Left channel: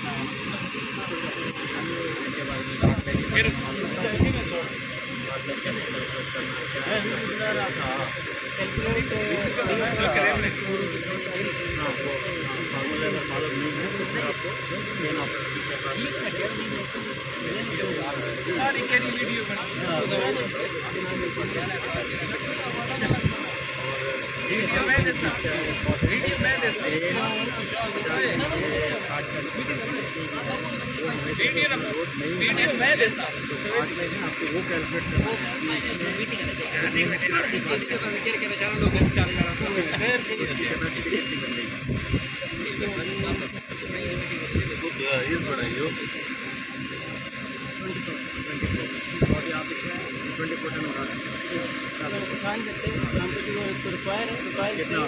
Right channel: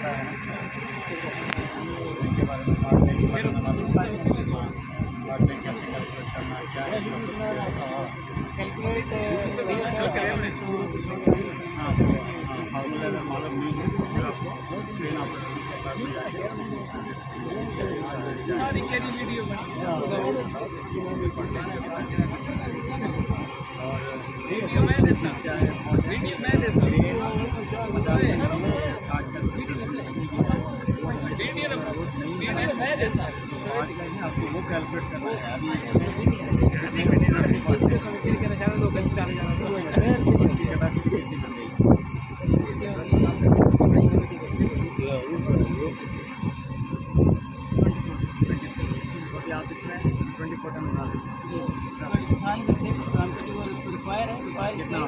आता है ना, उसके बारे में बाद में कैसे कैलकुलेट करना है, क्या हाँ वो फार्मूले अगर मालूम नहीं है तो फिर आपको मेन ऑपरेशन के बाद वीडियो मैं देता हूँ आपको वो कैलकुलेट करना आप इसमें 24 टन उड़ा कितना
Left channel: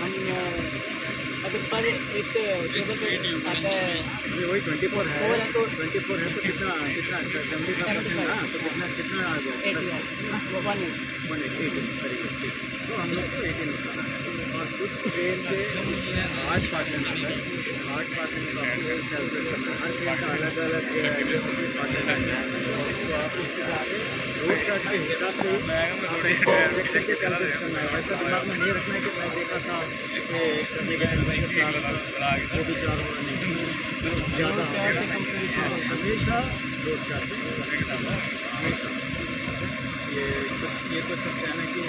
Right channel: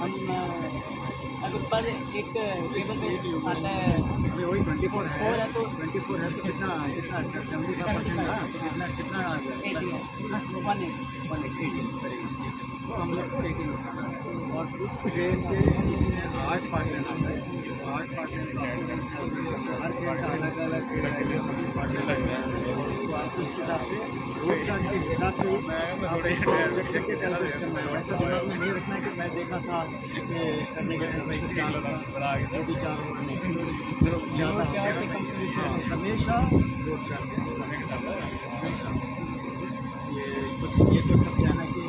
हम अगर पर एक आता है वही 24 है तो 24 है तो कितना 75% ना, तो कितना आ गया 118 तो हम लोग को 18 बताना है। और कुछ ट्रेन के 8 पार्ट में हर ट्रेन का अलग अलग पार्ट है, तो आप उस हिसाब से रोड चार्ज के हिसाब से कैलकुलेट करना है। वैसा दिमाग में नहीं रखना है कि मैं देखा था कि करने के वो भी 4 और नहीं ज़्यादा हमेशा रोड चार्ज से हमेशा ये कुछ सब कहना है कि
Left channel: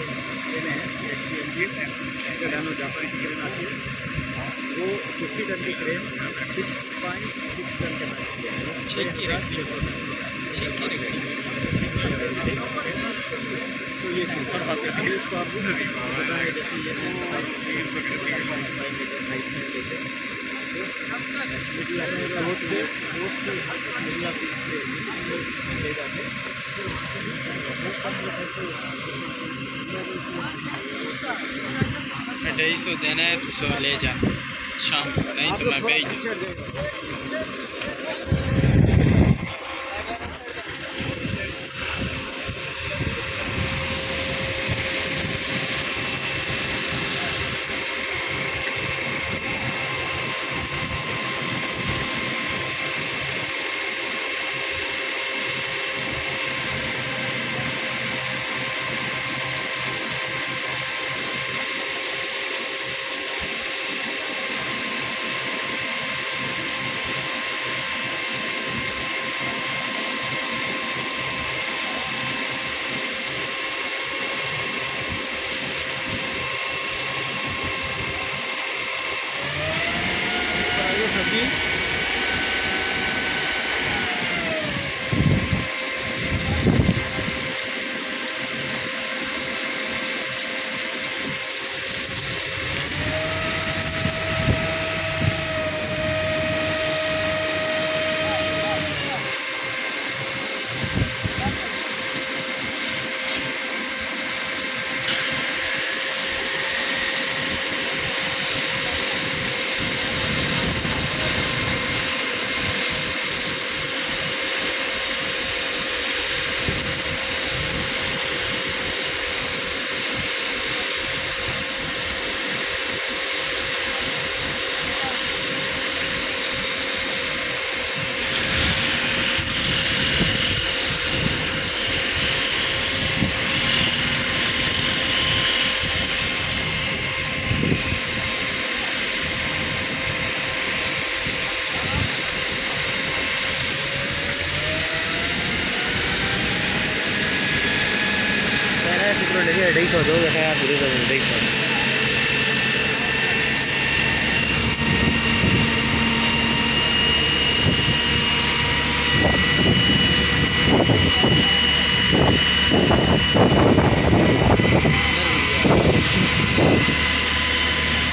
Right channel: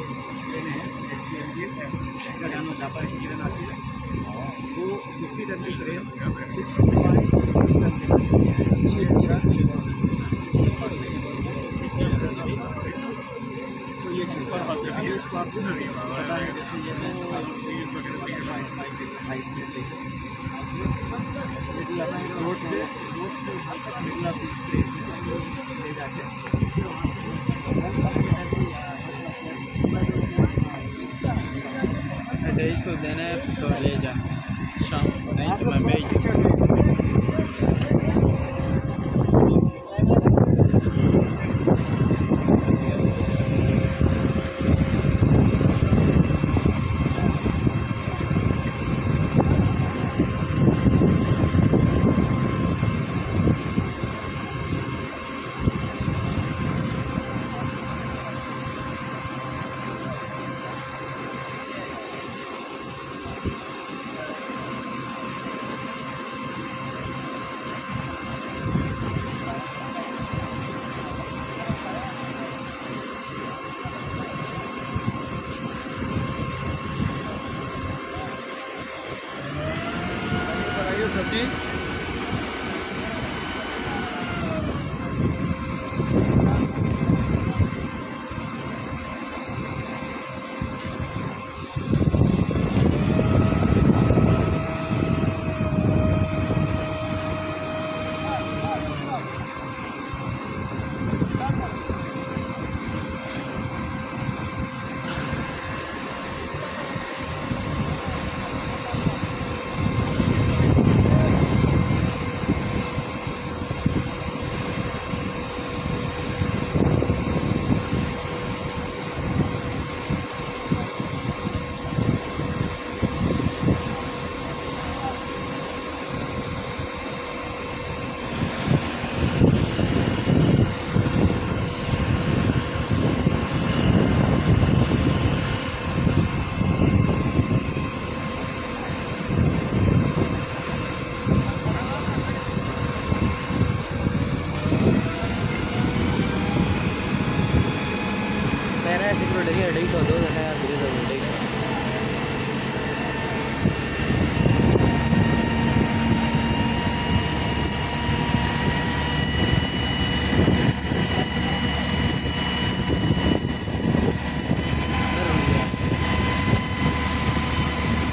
ट्रेनें हैं CNG अगर हम लोग जापान की ट्रेन आती है वो 50 टन की ट्रेन 6.6 टन की तो ये चीज़ इसको आपको पता है जैसे ये रोड से मिडिल ऑफ ले जाके इसको देना है तो ले जा शाम नहीं तो मैं भेज दूँ। सकी ढाई सौ दो जगह शुरू कर 250।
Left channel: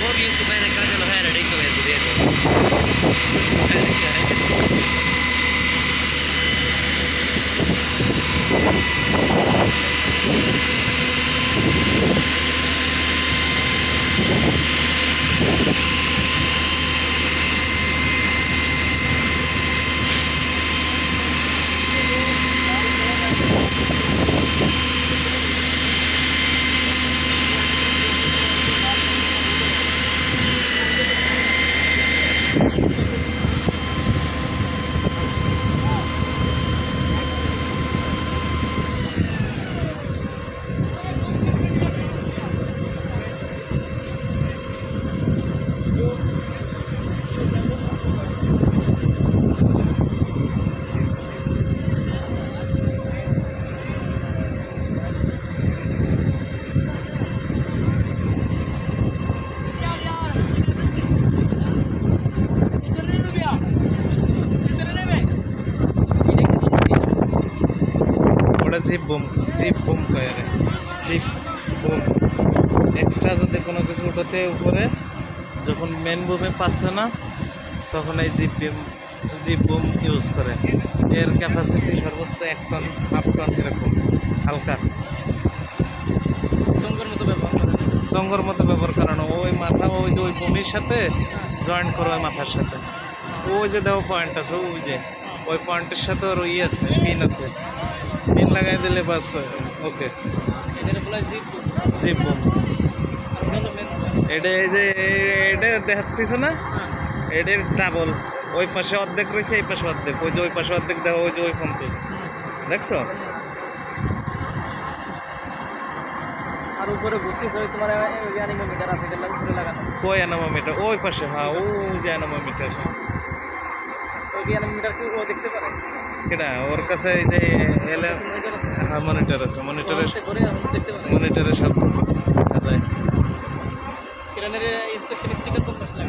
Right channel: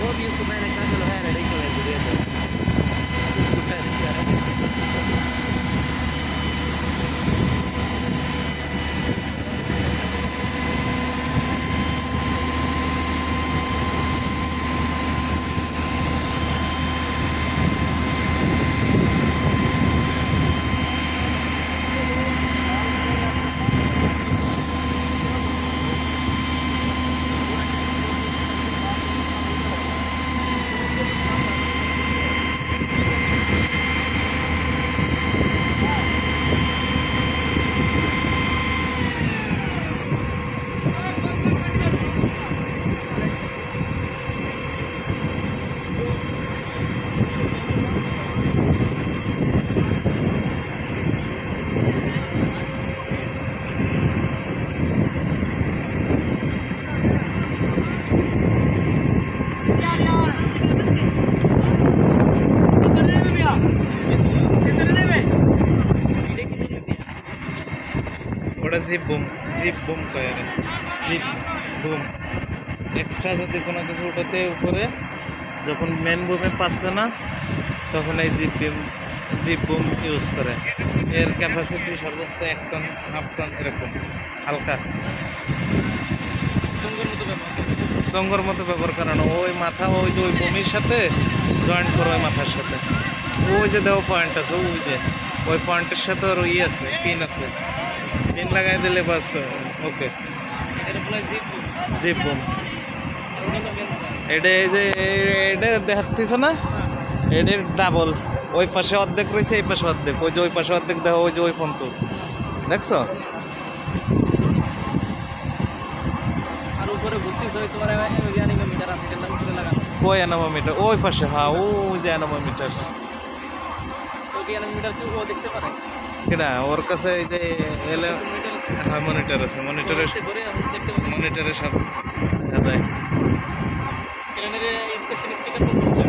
वो भी उसको मैंने कहा चलो है 250 में दे दो। ওটা জিপ বুম কয় আরে জিপ বুম। এক্সট্রা যদি কোনো কিছু ওটাতে উপরে যখন মেন বুমে পাচ্ছে না তখন এই জিপ বুম ইউজ করে। এর ক্যাপাসিটি সর্বোচ্চ 1 টন 1/2 টন এরকম হালকা সঙ্গর মতো ব্যবহার করানো। ওই মাথা ওই যে ওই বমির সাথে জয়েন্ট করো ওই মাথার সাথে। ওই যে দেওয়া পয়েন্ট আছে ওই যে ওই পয়েন্টের সাথে ওর ইয়ে আছে পিন আছে, পিন লাগাই দিলে বাস ওকে জিপ বুম। এটা এই যে এটা দেখাচ্ছিস না, এটার ডাবল। ওই পাশে অর্ধেক রয়েছে এই পাশে অর্ধেক, ওই যে ওই পাশে অর্ধেক দেখো ওই যে ওই পর্যন্ত দেখছো। আর উপরে ভর্তি করে তোমার ওই অ্যানিমোমিটার আছে যেটা উপরে লাগানো। ওই অ্যানোমিটার ওই পাশে, হ্যাঁ ওই যে অ্যানোমিটার। ওই যে অ্যানিমোমিটার কি ও দেখতে পারে? কেডা ওর কাছে এই যে এলে হ্যাঁ মনিটর আছে, মনিটরের সব দেখায়। ক্রেনের ইন্সপেকশন স্টিকার তো বুঝলে,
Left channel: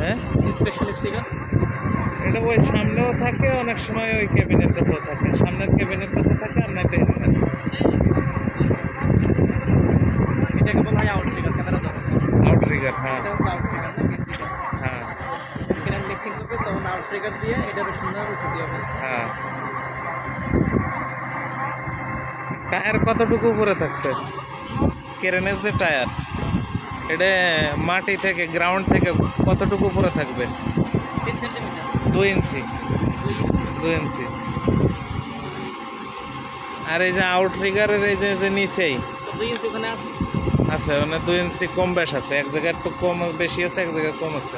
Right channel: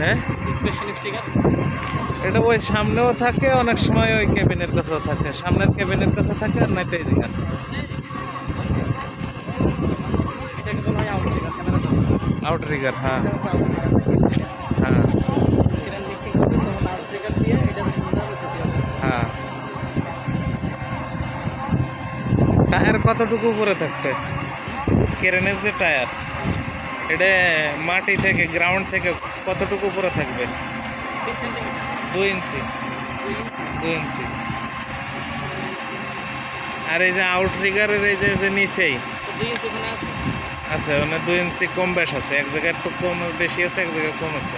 হ্যাঁ ইন্সপেকশন স্টিকার এটা ওই সামনেও থাকে, অনেক সময় ওই কেবিনের কাছেও থাকে, সামনের কেবিনের কাছে থাকে আর নাই তো এদিকে। এটাকে বলা হয় আউটট্রিগার ক্যামেরা। আউটট্রিগার, হ্যাঁ হ্যাঁ ক্রেন লিফটিং করবে তখন আউটট্রিগার দিয়ে এটা সুন্দর ছুটি হবে। হ্যাঁ। টায়ার কতটুকু উপরে থাকতে? ক্রেনের যে টায়ার এটা মাটি থেকে গ্রাউন্ড থেকে কতটুকু উপরে থাকবে? 3 সেন্টিমিটার 2 ইঞ্চি 2 ইঞ্চি। আর এই যে আউটট্রিগারের এই যে নিচেই 2 ইঞ্চি ওখানে আছে। আছে মানে 2 ইঞ্চি কম বেশ আছে, এক জায়গায় একটু কম বেশি আছে, এক জায়গায় কম আছে।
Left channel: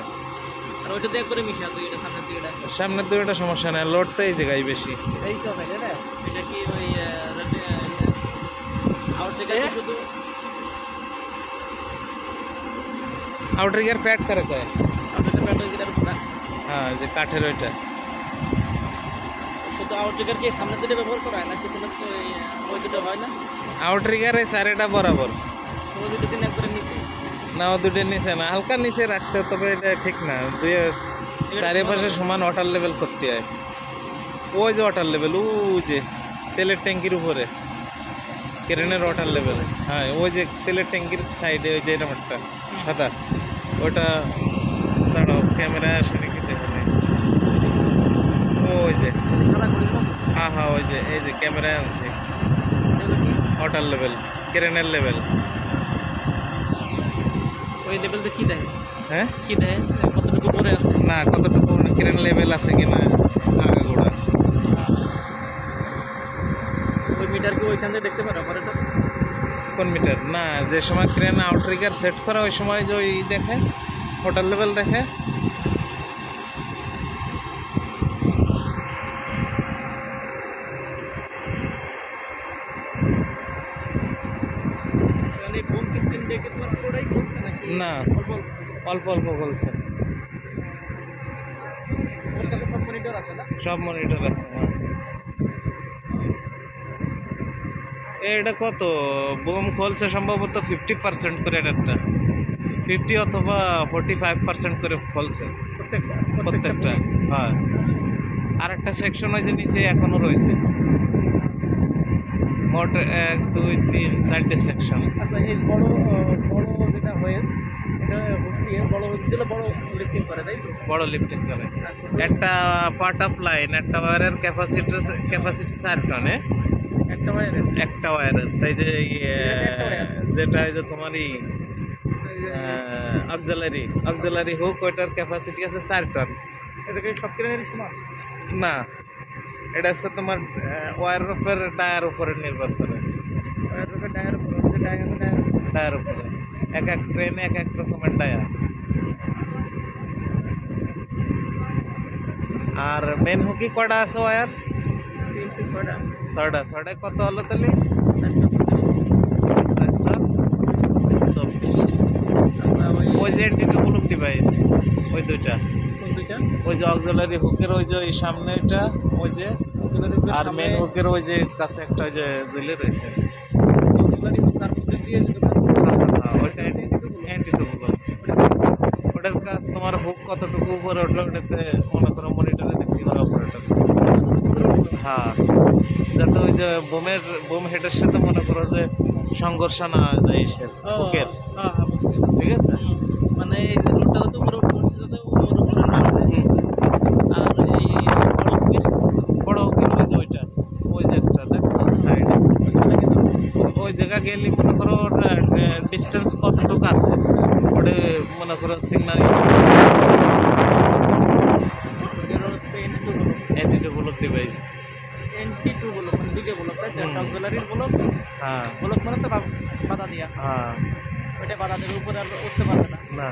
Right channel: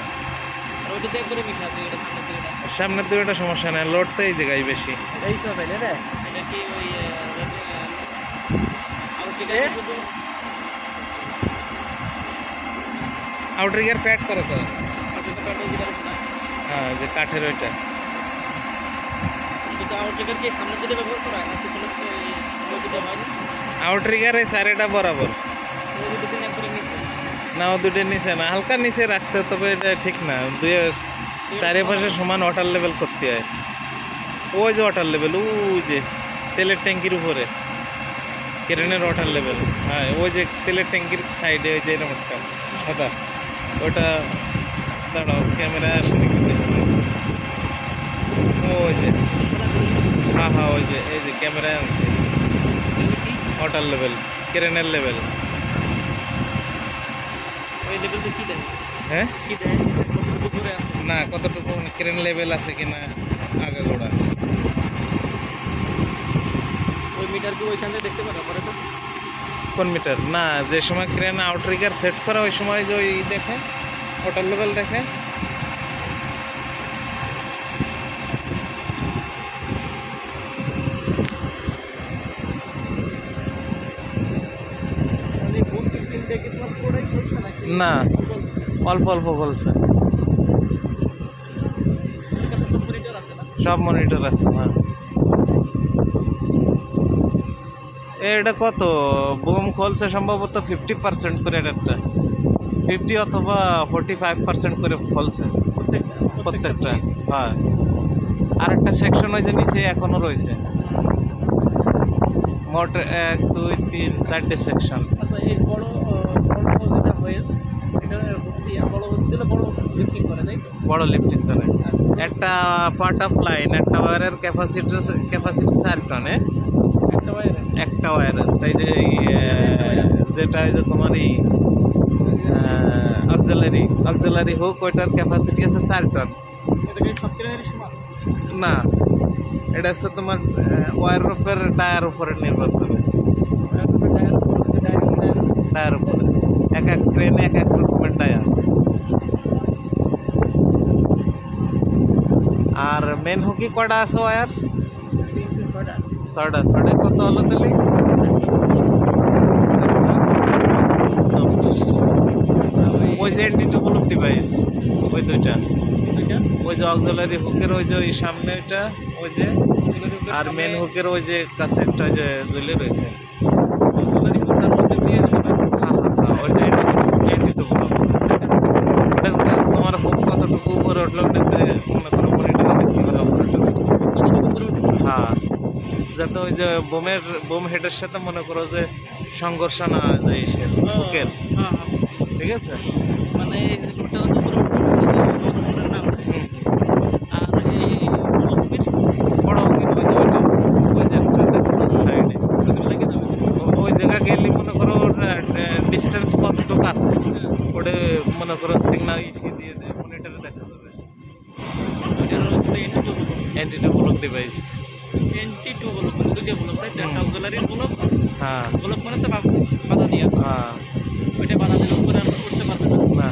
আর ওইটা দিয়ে করে মিশা দিই, এটা সামনে দিয়ে এটা সামনের দুইটা সমস্যা নেই, লোড তো এই জায়গায় বেশি। এই তো পেলে রে। এটা কি ওই আউটট্রিগার শুধু আউটট্রিগার প্যাড করে কে? আউটট্রিগার প্যাটার্ন যেটা উপরে আছে হ্যাঁ যে কাঠের ওইটা। শুধু আউটট্রিগার কি সামনে দিকে ব্যবহার করা হয় না পিছনে ওই দিকে হয় না? আউটট্রিগার এই সাইডটা বরাবর ওই দিকে দিন একবারে নিচে না, ও দুটো নিচে না, হালকা নিচে রাখছে, তবে এটা ঠিক না। দুই চারিপাশে সমান ওয়াটার লেভেল করতে হয়। ওই যে ওয়াটার লেভেল ওই যে তেলের ট্যাঙ্কির উপরে ক্রেনের ওয়াটার লেভেল, হ্যাঁ ওই যে তেলের ট্যাঙ্কির সাইডে ওই যে এরকম একটা খাতা, ওইটা দাঁড়াও ক্যামেরা আসে নাকি দেখাবে। ওই যে হ্যাঁ হ্যাঁ ওই যে এই যে ক্যামেরায় আনছে ওয়াটার লেভেল ক্রেনের লেভেল। ওই লেভেলটা কি দেয়? হ্যাঁ কি দেয় কতটুকু উপরে আছে না, কতটুকু ক্রেন লেভেল আছে কিনা আগাগোড়া। ওই মিটার কি ওইখান থেকে দেখতে পারে অপারেটর? কোন মিটার? না, যে সময় ক্রেন আউটট্রিগার সেট করা ওই সময় যে ওই দেখে ওয়াটার লেভেল দেখে। মানে বুম কিন দেখে তোমার পুরোটাই খুলছে নাকি? না, অল্প অল্প অল্প অল্প বলছে। ওর কাছে সব মনিটর আছে না? সব মনিটর আছে, হ্যাঁ। এটা কত বুম খোলছে সম্ভবত 50% করে, একটা 50 অথবা 45% করে খোলছে প্রত্যেকটা। হ্যাঁ, আর একটা সেকশন ওই যে নিচে এখনো রয়েছে, মোট 1 2 3 4টে সেকশন। আচ্ছা এই বড় যেটা হয়েছে এটা হুক দিয়ে বড় হুক দিলে বড় লিফটিং করে তাই তো? বড় লিফটিং করে। একটা পার্ট অফ লাইন একটা ওয়্যারের ক্যাপাসিটি 4 টনে একটা ওয়্যারের। তাই যে যেটা যে তোমার অক্সিলারি হুক ওইটার ক্যাপাসিটি আছে 4 টন। এটা কি সব ক্রেনের সমান না, এটা হচ্ছে তোমার ওয়্যারের উপর টায়ার উপরে নির্ভর করে, টায়ার উপরে এক এক ট্রেনে এক এক রকমের টায়ার। আর মেন হুকি কয়টা আছে ওয়্যার? 6টা। 6টা কত হলো তাহলে? 424। ওই যে এন্টি-টু-ব্লুপ ডিভাইস ওই দুইটা, ওই যে অক্সিলারি হুকের ওই যে ওই সামনে ওইটা ওই যে, আর মেন হুকের ওই যে কাছে একটা ওই যে ঝুলে রয়েছে। হ্যাঁ ওইটা এন্টি-টু-ব্লুপ। ওটার কাজ তোমার হুক কতটুকু উপরে উঠলো ওটাতে মনে করো মনিটরে দেখতে পারে অপারেটর। উপরে উঠবে। হ্যাঁ, যাতে ওই যে বোম হেডের সাথে মনে করো যে সংঘর্ষ না হয়ে যায় ইসের বুকের, হ্যাঁ হ্যাঁ বুঝছি, বুঝছি। ঠিক আছে। মানে এই রোডটা তো উপরে উঠবে, যদি ওর উপরে না উঠে। হুম, আর এই বড় হুকির বড় হুকির ওই যে ওইটা, ওই যে একটা দেখছো সাইডে, ওগুলো লেগে যাবে। ওই জায়গা গেলে মনে করো ওর ডিস্টেন্স কতটুকু আছে ওটা মনে করো সিগন্যাল ওইটার হচ্ছে NT2 block. Entity block device. NT2 block মানে দুইটা ব্লক, তাই তো? একটা হুম। অক্সিলারির ব্লক, হ্যাঁ ব্লক মানে তো বাধা দিয়া, হ্যাঁ, ওইটা বাধা দিলে উপরে আর উঠতে পারবে না। না